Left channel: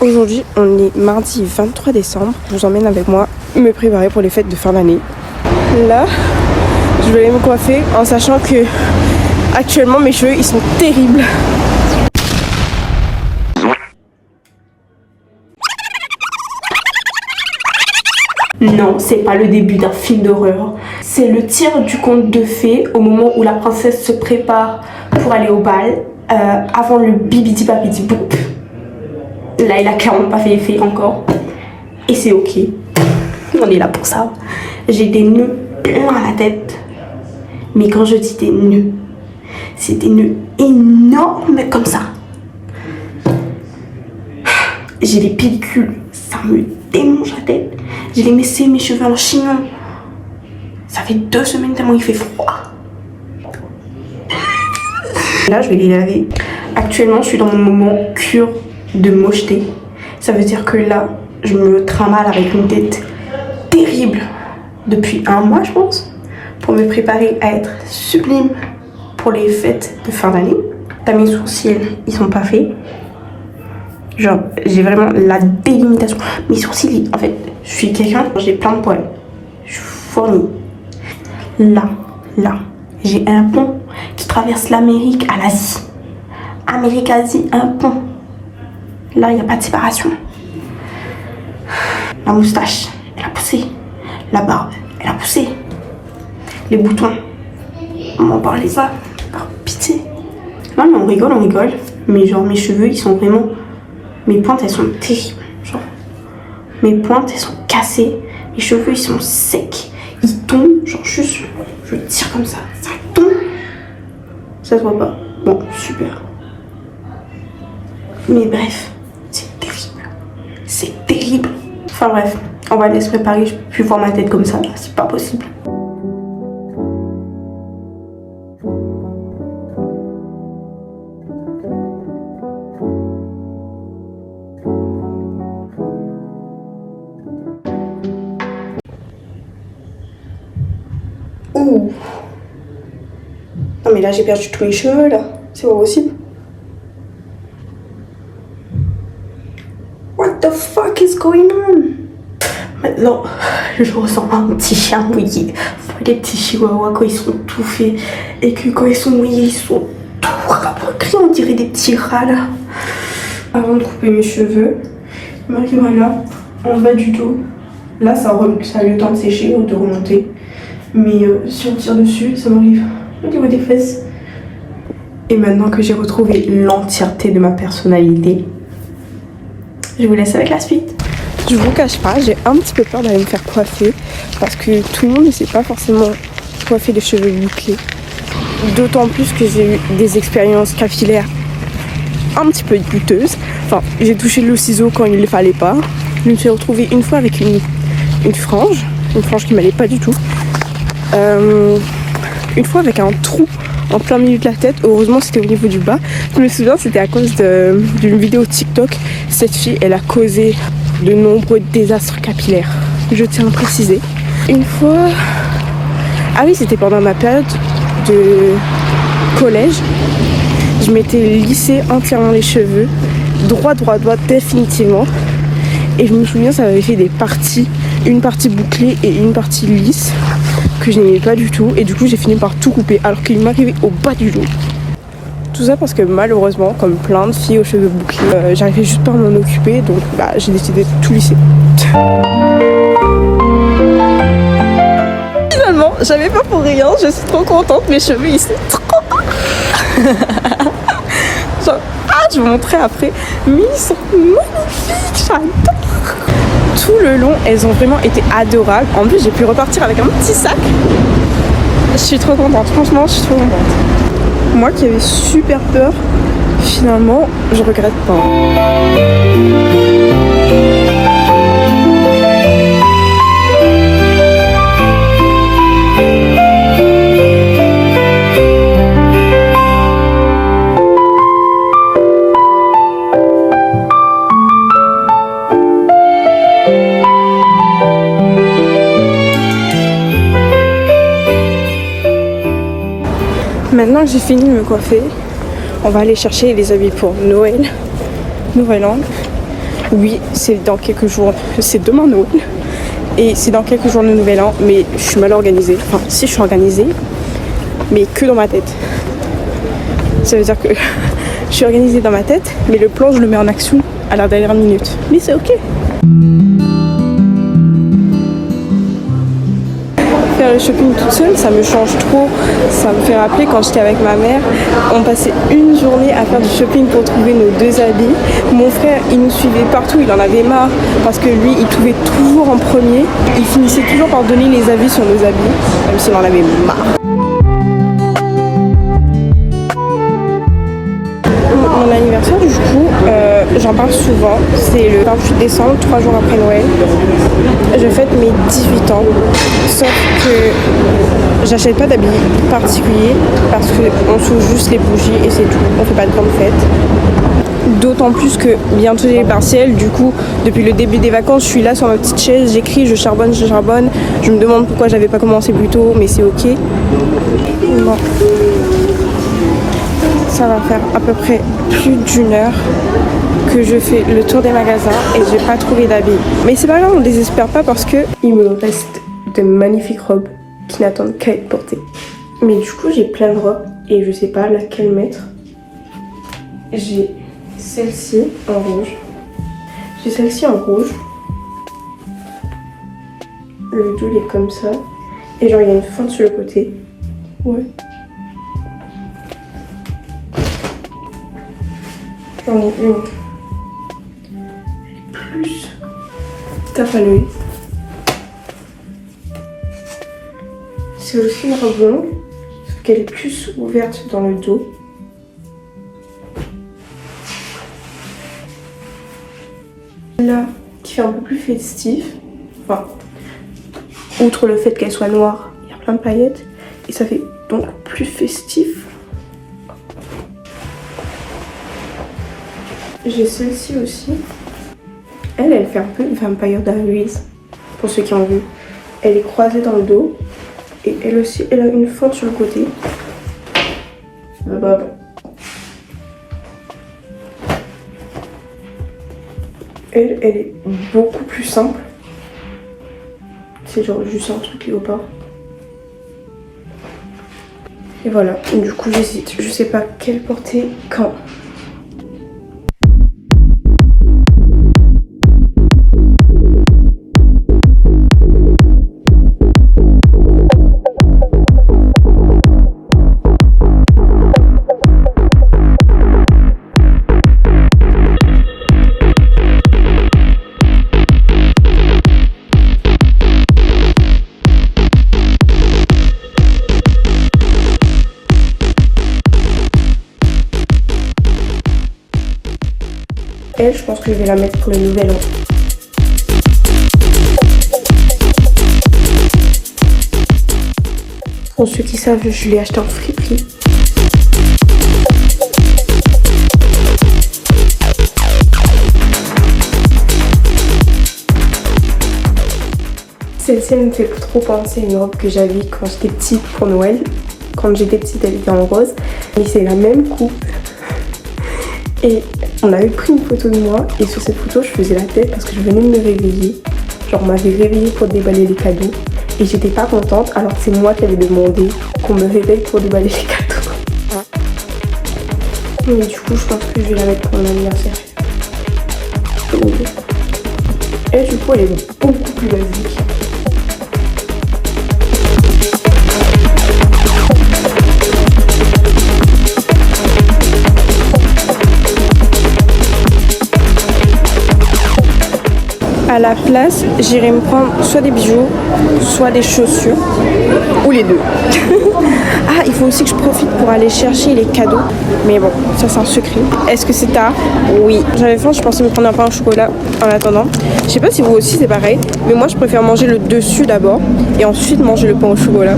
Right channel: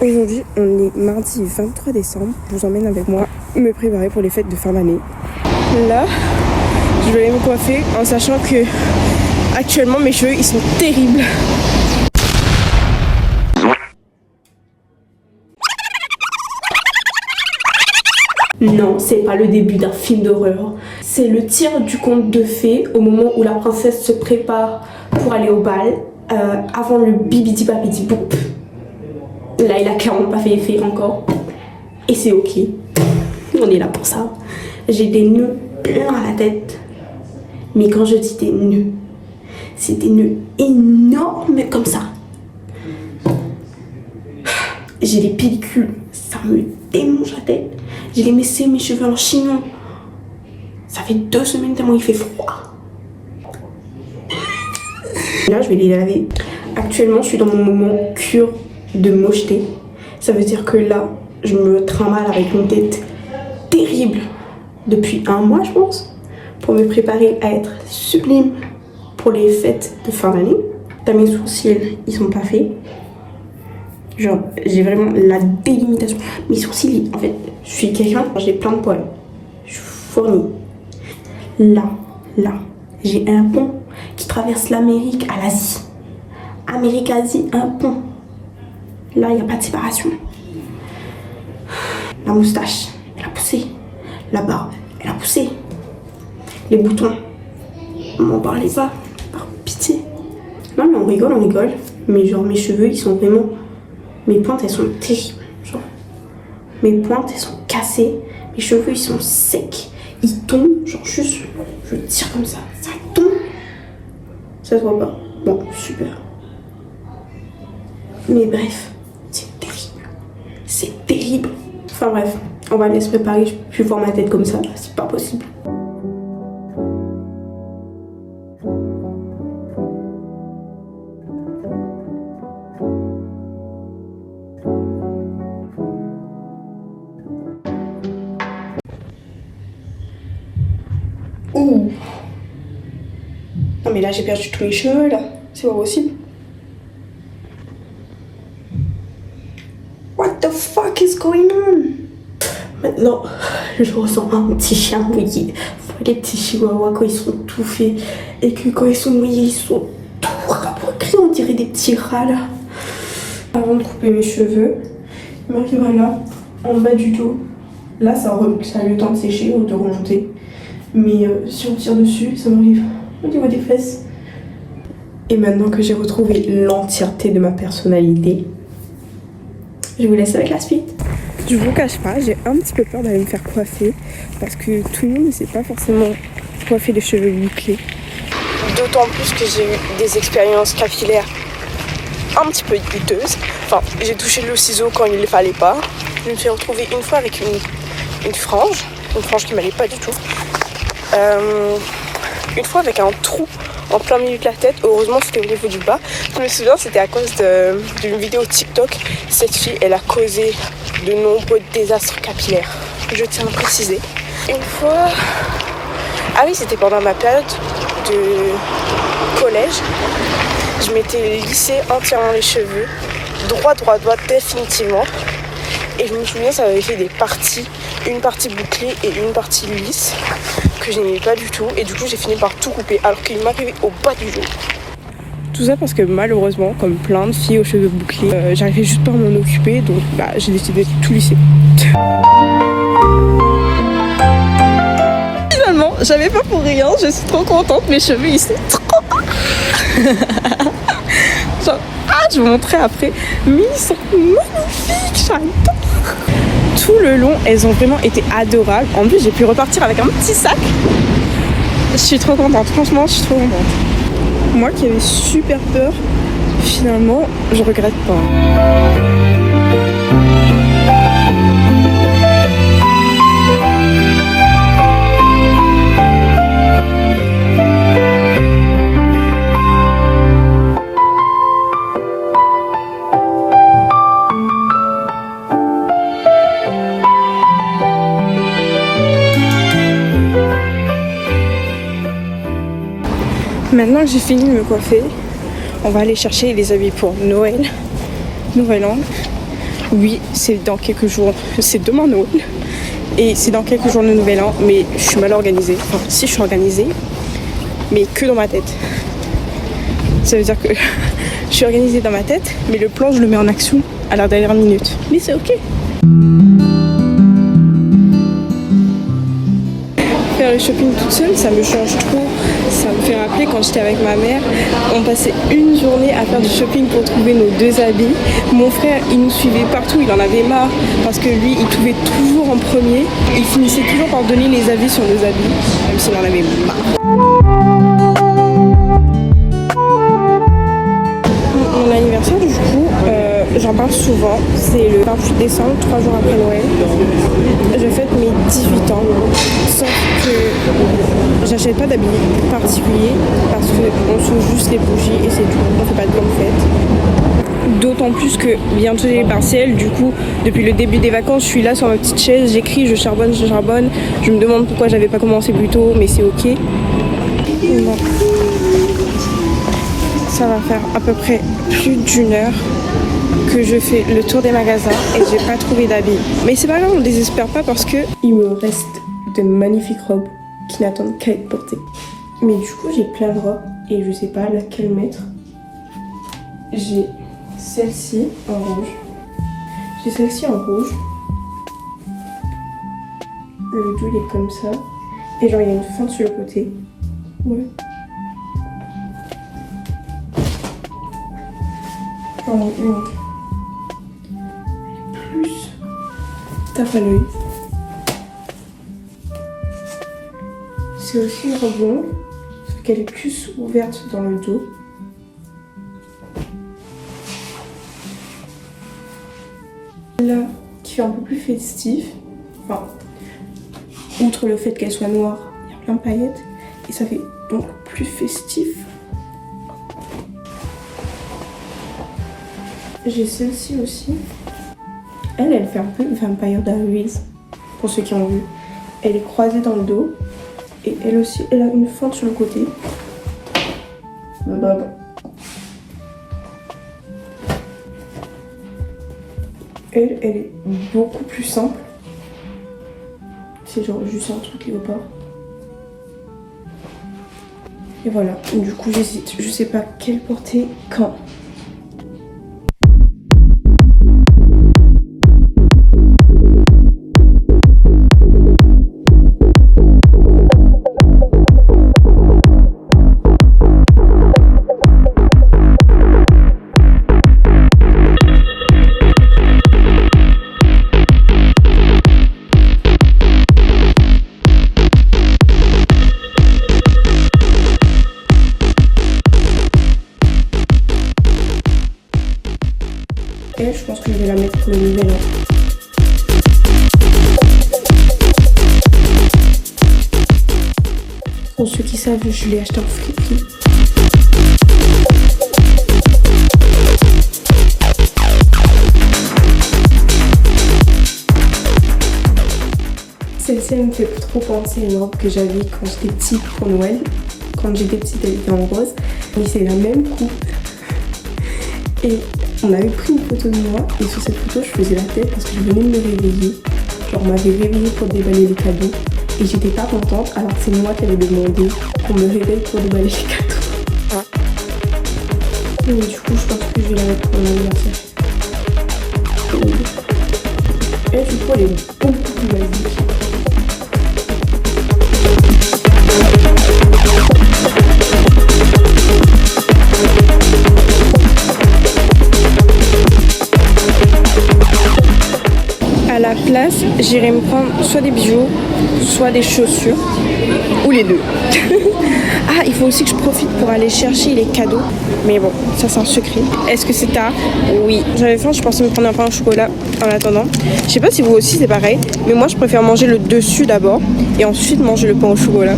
Aujourd'hui, on est mardi 23 décembre. Je vous emmène avec moi me préparer pour les fêtes de fin d'année. Là, je vais aller me coiffer en sachant que actuellement mes cheveux ils sont terribles. Non, c'est pas le début d'un film d'horreur. C'est le tir du conte de fées au moment où la princesse se prépare pour aller au bal, avant le bibidi babidi boop. Là, il a clairement pas fait effet encore. Et c'est ok. On est là pour ça. J'ai des nœuds plein à la tête. Mais quand je dis des nœuds, c'est des nœuds énormes comme ça. J'ai des pellicules, ça me démange la tête. J'ai laissé mes cheveux en chignon. Ça fait 2 semaines tellement il fait froid. Là, je vais les laver. Actuellement, je suis dans mon moment cure de mocheté. Ça veut dire que là, je me trimballe avec une tête terrible depuis 1 mois, je pense, pour me préparer à être sublime pour les fêtes de fin d'année. T'as mes sourcils, ils sont pas faits. Genre, j'ai vraiment la délimitation. Mes sourcils, en fait, je suis quelqu'un, j'ai plein de poils. Je suis fournie. Là, j'ai un pont qui traverse l'Amérique à l'Asie. Amérique-Asie, un pont. Là, il n'y a pas de séparation. La moustache, elle a poussé. La barbe, elle a poussé. Les boutons, on m'en parlait pas. Par pitié. Non, mais on rigole. Mais genre, mes cheveux, ils sont vraiment... Mes pointes, elles sont terribles. Genre, mes pointes, elles sont cassées. Mes cheveux, ils sont secs. Ils tombent. Genre, juste, je tire comme ça. Ça tombe. Ça se voit pas. Bon, super. Mais bref, c'est terrible. C'est terrible. Enfin bref, on va laisser préparer. Je peux plus voir ma tête comme ça. C'est pas possible. Ouh. Non mais là j'ai perdu tous mes cheveux là. C'est pas possible. What the fuck is going on? Maintenant, je ressens un petit chien mouillé. Les petits chihuahuas quand ils sont tout faits et que quand ils sont mouillés, ils sont tout rabougris. On dirait des petits rats là. Avant de couper mes cheveux, je m'arrive là, en bas du dos. Là, ça a eu le temps de sécher ou de remonter. Mais si on tire dessus, ça m'arrive au niveau des fesses. Et maintenant que j'ai retrouvé l'entièreté de ma personnalité, je vous laisse avec la suite. Je vous cache pas, j'ai un petit peu peur d'aller me faire coiffer parce que tout le monde ne sait pas forcément coiffer les cheveux bouclés. D'autant plus que j'ai eu des expériences capillaires un petit peu douteuses. Enfin, j'ai touché le ciseau quand il ne fallait pas. Je me suis retrouvée une fois avec une frange qui m'allait pas du tout. Une fois avec un trou en plein milieu de la tête, heureusement c'était au niveau du bas. Je me souviens, c'était à cause d'une vidéo TikTok. Cette fille, elle a causé de nombreux désastres capillaires. Je tiens à préciser. Une fois... Ah oui, c'était pendant ma période de collège. Je m'étais lissé entièrement les cheveux, droit, définitivement. Et je me souviens, ça avait fait des parties, une partie bouclée et une partie lisse, que je n'aimais pas du tout. Et du coup, j'ai fini par tout couper, alors qu'il m'arrivait au bas du dos. Tout ça parce que malheureusement, comme plein de filles aux cheveux bouclés, j'arrivais juste pas à m'en occuper, donc j'ai décidé de tout lisser. Finalement, j'avais pas pour rien, je suis trop contente, mes cheveux ils sont trop... je vous montrerai après, mais ils sont magnifiques, j'adore. Tout le long, elles ont vraiment été adorables. En plus, j'ai pu repartir avec un petit sac. Je suis trop contente, franchement, je suis trop contente. Moi qui avais super peur, finalement, je regrette pas. Maintenant que j'ai fini de me coiffer, on va aller chercher les habits pour Noël, Nouvel An. Oui, c'est dans quelques jours, c'est demain Noël. Et c'est dans quelques jours le nouvel an, mais je suis mal organisée. Enfin, si je suis organisée, mais que dans ma tête. Ça veut dire que je suis organisée dans ma tête, mais le plan, je le mets en action à la dernière minute. Mais c'est ok. Faire le shopping toute seule, ça me change trop. Ça me fait rappeler quand j'étais avec ma mère, on passait une journée à faire du shopping pour trouver nos 2 habits. Mon frère, il nous suivait partout, il en avait marre parce que lui, il trouvait toujours en premier. Il finissait toujours par donner les avis sur nos habits, même s'il en avait marre. Mon anniversaire, du coup, j'en parle souvent. C'est le 28 décembre, 3 jours après Noël. Je fête mes 18 ans, sauf que j'achète pas d'habits particuliers parce qu'on souffle juste les bougies et c'est tout. On fait pas de grande fête. D'autant plus que bientôt j'ai les partiels, du coup depuis le début des vacances je suis là sur ma petite chaise, j'écris, je charbonne, je me demande pourquoi j'avais pas commencé plus tôt, mais c'est ok. Bon. Ça va faire à peu près plus d'1 heure que je fais le tour des magasins et j'ai pas trouvé d'habits. Mais c'est pas grave, on désespère pas parce que il me reste de magnifiques robes qui n'attendent qu'à être portées. Mais du coup j'ai plein de robes et je sais pas laquelle mettre. J'ai celle-ci en rouge. J'ai celle-ci en rouge. Le dos il est comme ça. Et genre il y a une fente sur le côté. Ouais. J'en ai une. Plus tape à l'œil. C'est aussi une robe longue, sauf qu'elle est plus ouverte dans le dos. Là, qui fait un peu plus festif. Enfin, outre le fait qu'elle soit noire, il y a plein de paillettes. Et ça fait donc plus festif. J'ai celle-ci aussi. Elle fait un peu Vampire Diaries, pour ceux qui ont vu. Elle est croisée dans le dos. Et elle aussi, elle a une fente sur le côté. Elle est beaucoup plus simple. C'est genre juste un truc léopard. Et voilà, du coup j'hésite. Je sais pas quelle porter quand. Elle, je pense que je vais la mettre pour le nouvel an. Pour ceux qui savent, je l'ai acheté en friperie. Celle-ci, elle me fait trop penser à une robe que j'avais quand j'étais petite pour Noël. Quand j'étais petite, elle était en rose. Mais c'est la même coupe. Et on avait pris une photo de moi et sur cette photo je faisais la tête parce que je venais de me réveiller. Genre on m'avait réveillée pour déballer les cadeaux et j'étais pas contente alors que c'est moi qui avais demandé qu'on me réveille pour déballer les cadeaux. Mais du coup je pense que je vais la mettre pour mon anniversaire. Et du coup elle est beaucoup plus basique. À la place, j'irai me prendre soit des bijoux, soit des chaussures, ou les deux. Ah, il faut aussi que je profite pour aller chercher les cadeaux. Mais bon, ça c'est un secret. Est-ce que c'est tard? Oui. J'avais faim, je pensais me prendre un pain au chocolat en attendant. Je sais pas si vous aussi c'est pareil, mais moi je préfère manger le dessus d'abord et ensuite manger le pain au chocolat.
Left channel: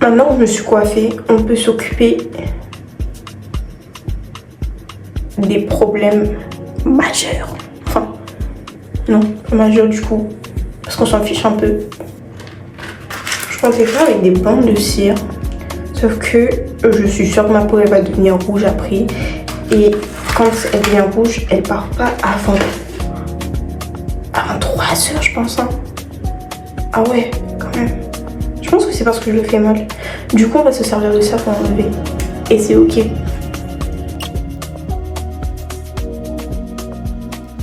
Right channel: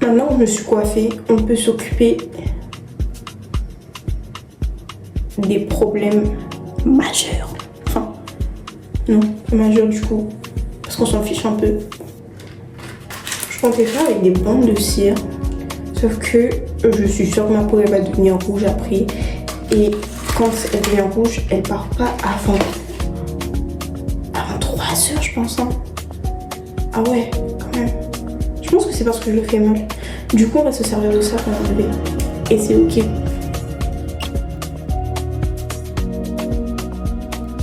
Maintenant que je me suis coiffée, on peut s'occuper des problèmes majeurs. Enfin, non, pas majeurs du coup, parce qu'on s'en fiche un peu. pensais faire avec des bandes de cire. Sauf que je suis sûre que ma peau elle va devenir rouge après. Et quand elle devient rouge, elle part pas avant 3 heures je pense. Hein. Ah ouais, quand même. Je pense que c'est parce que je le fais mal. Du coup on va se servir de ça pour enlever. Et c'est ok.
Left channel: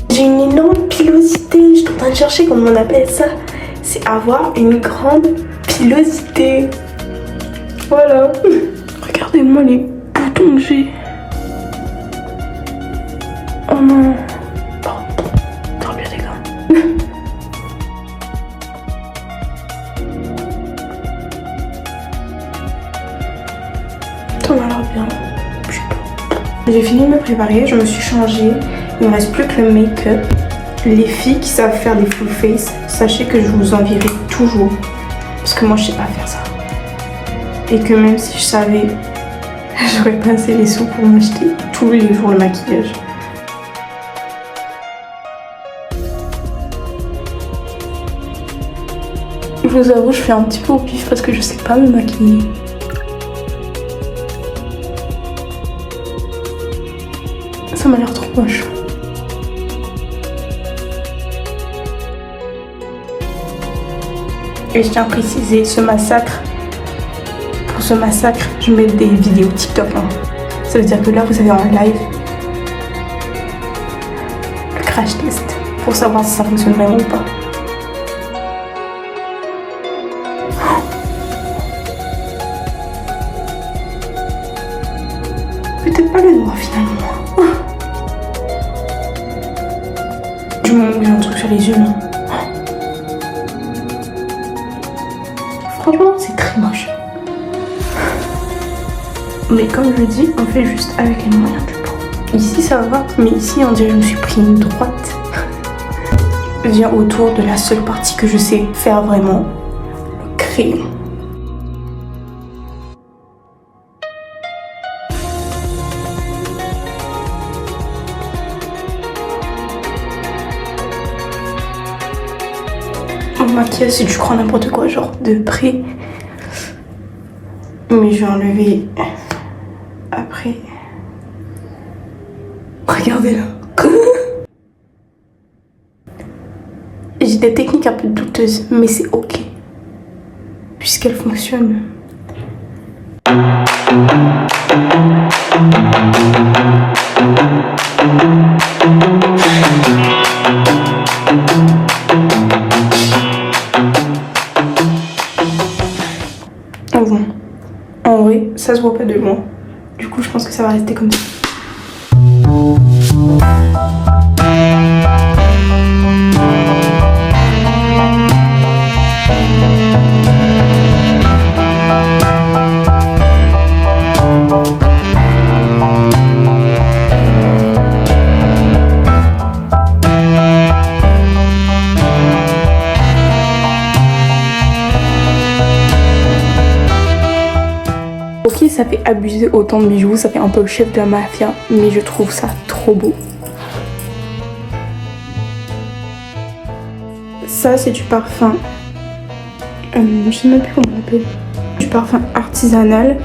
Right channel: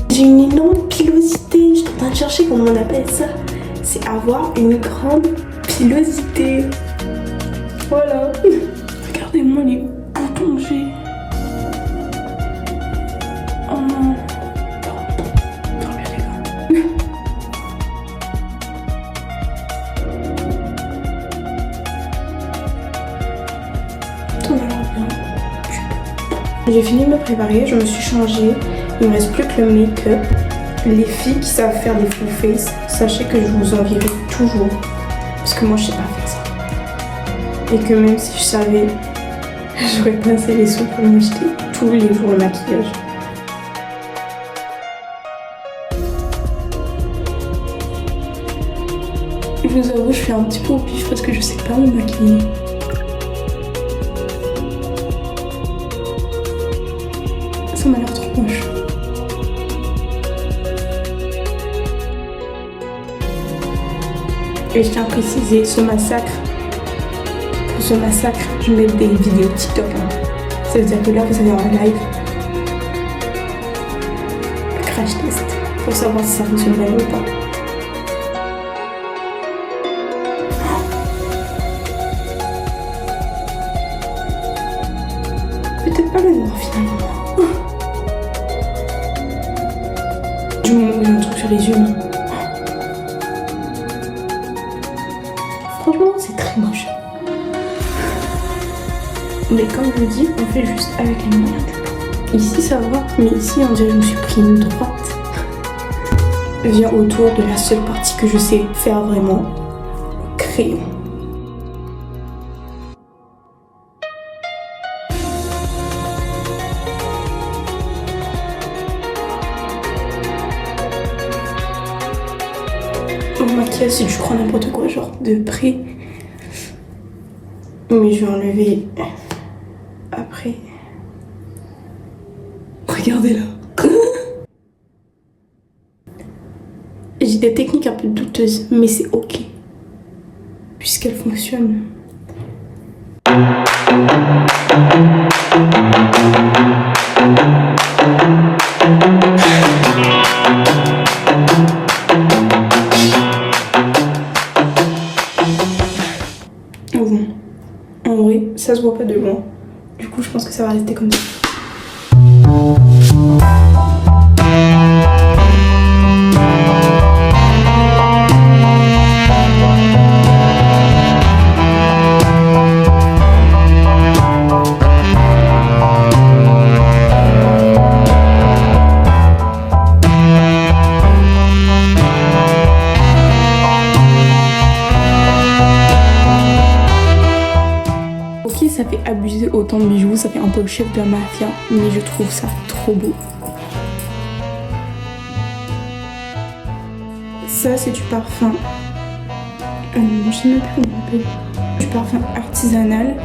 J'ai une énorme pilosité. Je suis en train de chercher comment on appelle ça. C'est avoir une grande pilosité. Voilà. Regardez-moi les boutons que j'ai. Oh non. Trop bien les gars. Ça m'a l'air bien. J'ai fini de me préparer, je me suis changée. Il me reste plus que le make-up. Les filles qui savent faire des full face, sachez que je vous envierai toujours. Parce que moi je sais pas faire ça. Et que même si je savais, j'aurais pas assez les sous pour m'acheter tous les jours le maquillage. Je vous avoue, je fais un petit peu au pif parce que je sais pas me maquiller. Ça m'a l'air trop moche. Et je tiens à préciser ce massacre. Pour ce massacre, je mets des vidéos TikTok. Hein. Ça veut dire que là, vous avez en live le crash test pour savoir si ça fonctionne vraiment ou pas. Peut-être pas le noir finalement. Du moment où j'ai un truc sur les yeux là. Franchement, c'est très moche. Mais comme je le dis, on fait juste avec les moyens du bord. Ici ça va, mais ici on dirait que je me suis pris une droite. Je viens autour de la seule partie que je sais faire vraiment, le crayon. Mon maquillage, si tu crois n'importe quoi, genre de près. Mais je vais enlever après. Regardez là. J'ai des techniques un peu douteuses, mais c'est ok. Puisqu'elles fonctionnent. Bon. En vrai, ça se voit pas de loin. Du coup, je pense que ça va rester comme ça. Ça fait abuser autant de bijoux, ça fait un peu le chef de la mafia, mais je trouve ça trop beau. Ça c'est du parfum, je sais même plus comment on l'appelle, du parfum artisanal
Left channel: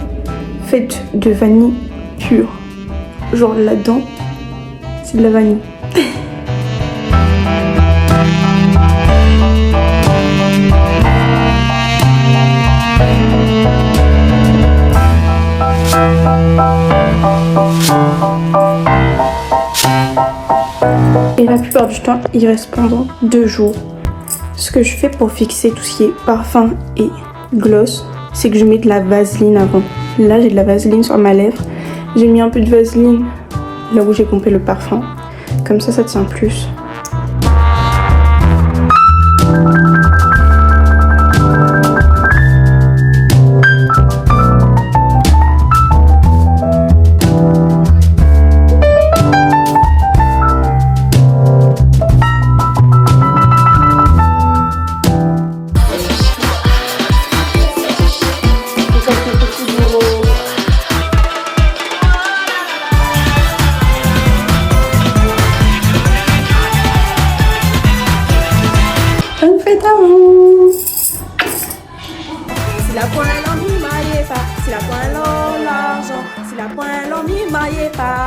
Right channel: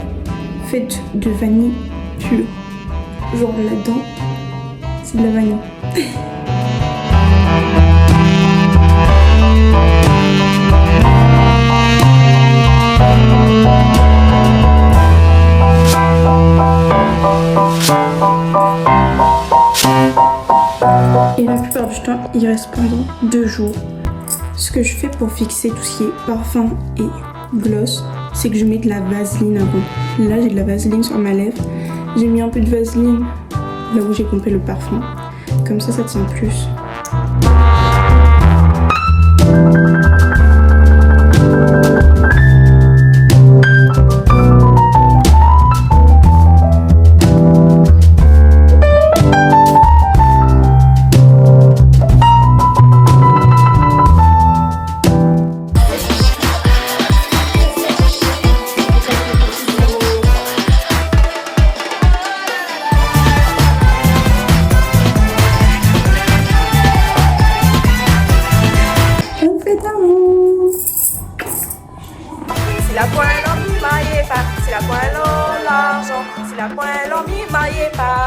fait de vanille pure. Genre là-dedans, c'est de la vanille. Et la plupart du temps, il reste pendant 2 jours. Ce que je fais pour fixer tout ce qui est parfum et gloss, c'est que je mets de la vaseline avant. Là, j'ai de la vaseline sur ma lèvre. J'ai mis un peu de vaseline là où j'ai pompé le parfum. Comme ça tient plus. point l'homme maillé pas.